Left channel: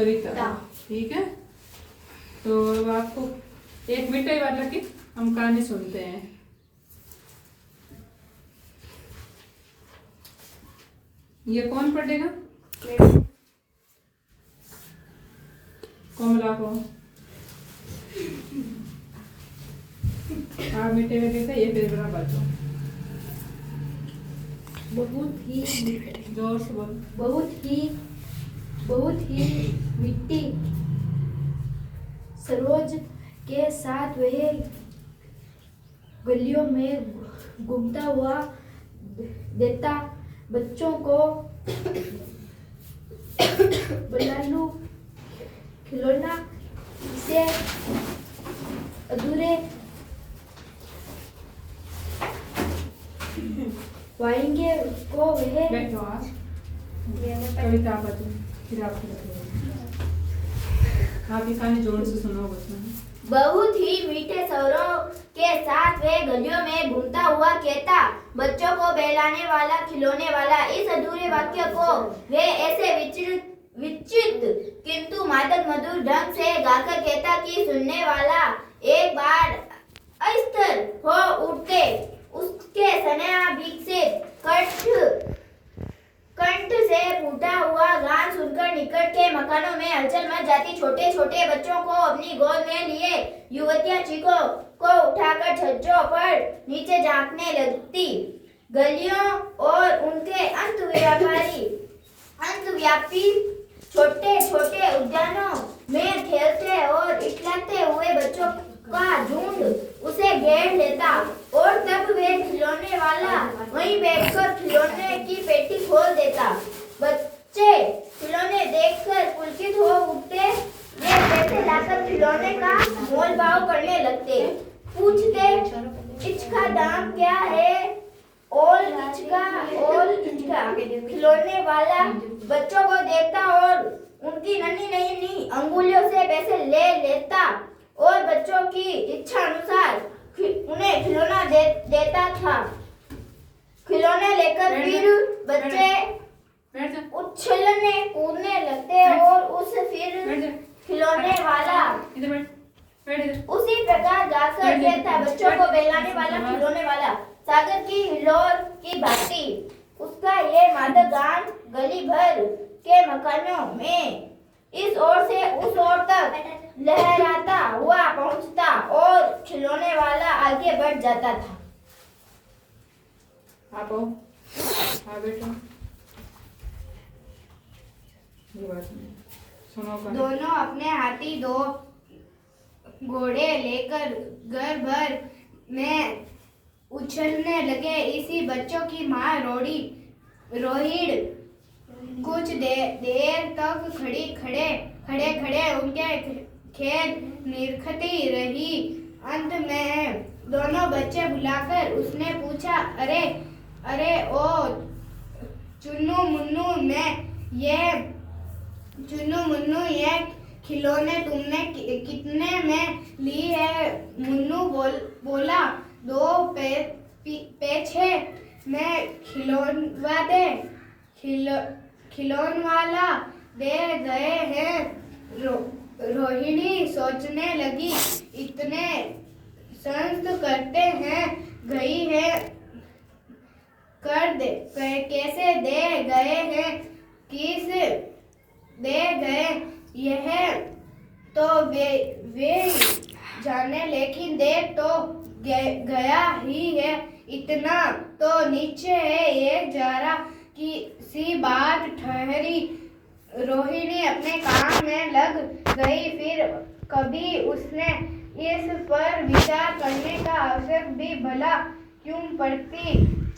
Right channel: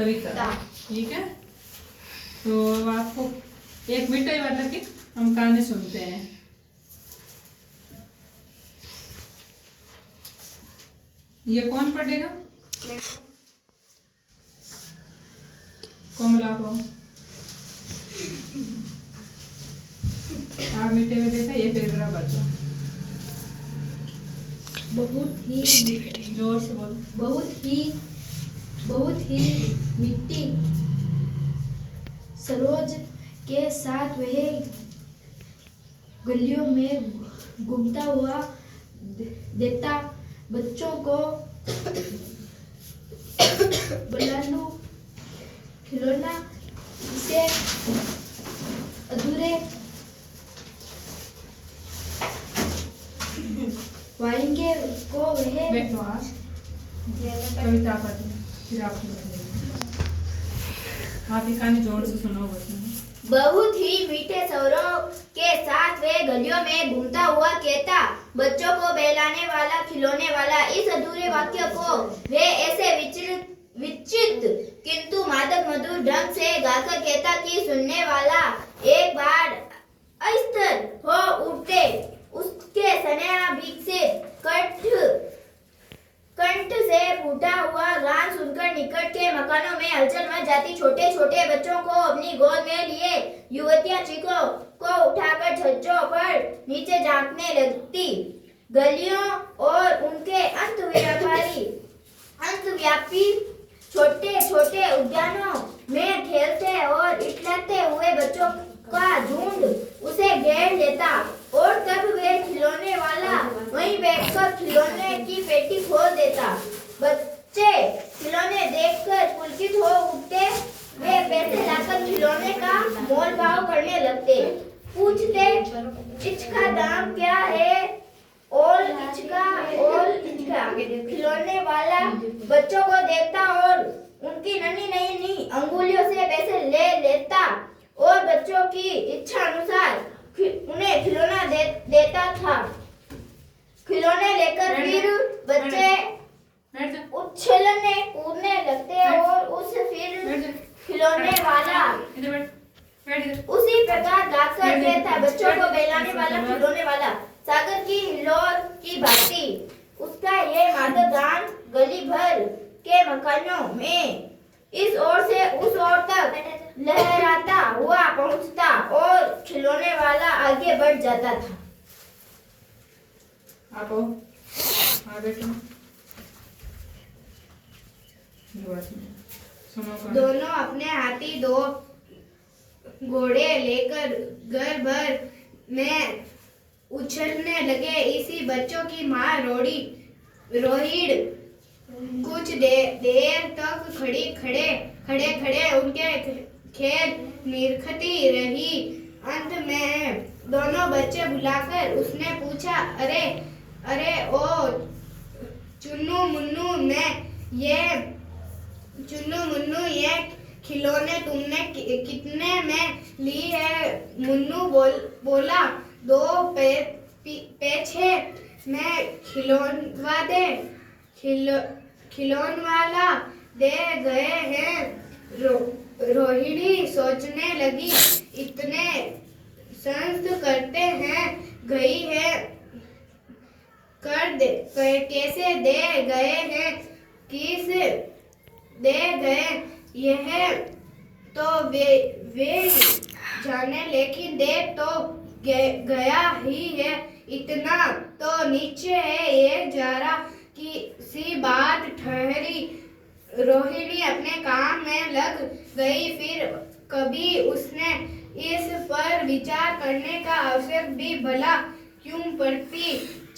कविता। ठीक है, तो आपको एक मिठाई वाला की हम कहानी सुनते हैं। ये कौन पढ़ेगा? कोमला को। आप मिठाई में देखा, ये फिर बराबर बच्चों बहुत ही जोर से बोलो। बहुत ही मिट्टी सरोज के साथ वह गलियों में घूमता हुआ देता बच्चों को बलालू खिलौना से अधूरे वाएंगे को वह बैठो आप, कविता पढ़ो, फिर आपको बताइए। आप ये कहानी जोर से सुनो बच्चों। बहुत ही मीठे स्वरों के साथ वे गलियों में घूमता हुआ कहता बच्चों को बहलाने वाला खिलौने वाला। इस अधूरे वाक्य को वे ऐसे विचित्र किंतु मादक मधुर ढंग से गाकर कहता कि सुनने वाला एक बार अस्थिर हो उठते। उसके स्नेहाभिषेक कंठ से फूटा हुआ गान सुनकर निकट के मकानों में हलचल मच जाती। छोटे छोटे बच्चों को अपनी गोद में लिए युवतियां चीखों को उठाकर छज्जों पर नीचे झांकने लगती। गलियों और उनके अंतव्यापी छोटे छोटे उद्यानों में खेलते और इटलाते हुए बच्चों का झुंड उसे घेर लेता और तब वे खिलौने वाला वहीं बैठकर खिलौने की पेटी खोल देता। बच्चे खिलौने देखकर पुलकित हो उठते। वे पैसे लाकर खिलौने का मोल भाव करने लगते। पूछते इसका दाम क्या है और इसका। खिलौने वाला बच्चों को देखता और उनकी नन्ही नन्ही अंगुलियों से पैसे ले लेता और बच्चों की इच्छा अनुसार उन्हें खिलौना देता था। खिलौने लेकर फिर बच्चे उछलने कूदने लगते और उस फिर खिलौने वाला उसी प्रकार गाकर कहता बच्चों को बहलाने वाला खिलौने वाला। सागर की हिलोर की भांति उसका ये मादक गान गली भर के मकानों में इस ओर से उस ओर तक लहराता हुआ पहुंचता और खिलौने वाला आगे बढ़ जाता था। आप बेटा सुनो। दोनों अपने हाथी दो घोड़े लेकर घर भर में उछलने लगे। इसी बच्चों की माँ रोहिड़ कुछ देर तक खड़े उनके खेल निरखती रही। अंत में दोनों बच्चे बुलाकर उसने पूछा अरे ओ चुन्नू मुन्नू ये खिलौने तुमने कितने में ली है? मुन्नू बोला 2 पैसे में खिलौनवा दे। खिलौनवाला दे गए हैं। रोहिणी सोचने लगी इतने संस्त करते हैं गई है कैसे दे गए हैं किस दे गए यह तो वे जाने लेकिन दे तो गया ही है। इतना तो नीचे है एक जरा की सी बात ठहरी। रोहिणी अपने काम में लग गई। फिर कभी उसने इस पर विचार करने का अवसर भी भला क्यों पड़ती।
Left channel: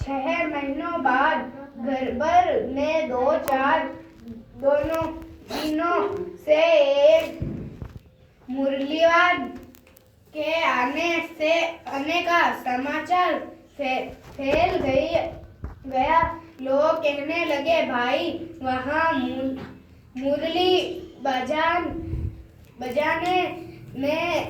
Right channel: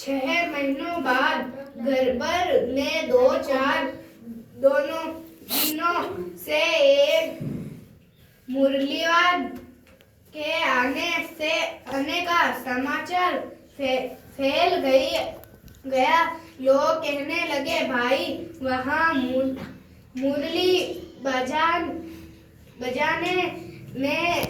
6 महीनों बाद गड़बड़ में 2-4 दिनों से एक मुरलीवाद के आने का समाचार फैल गया। लोग कहने लगे भाई वहाँ मुरली बजाने में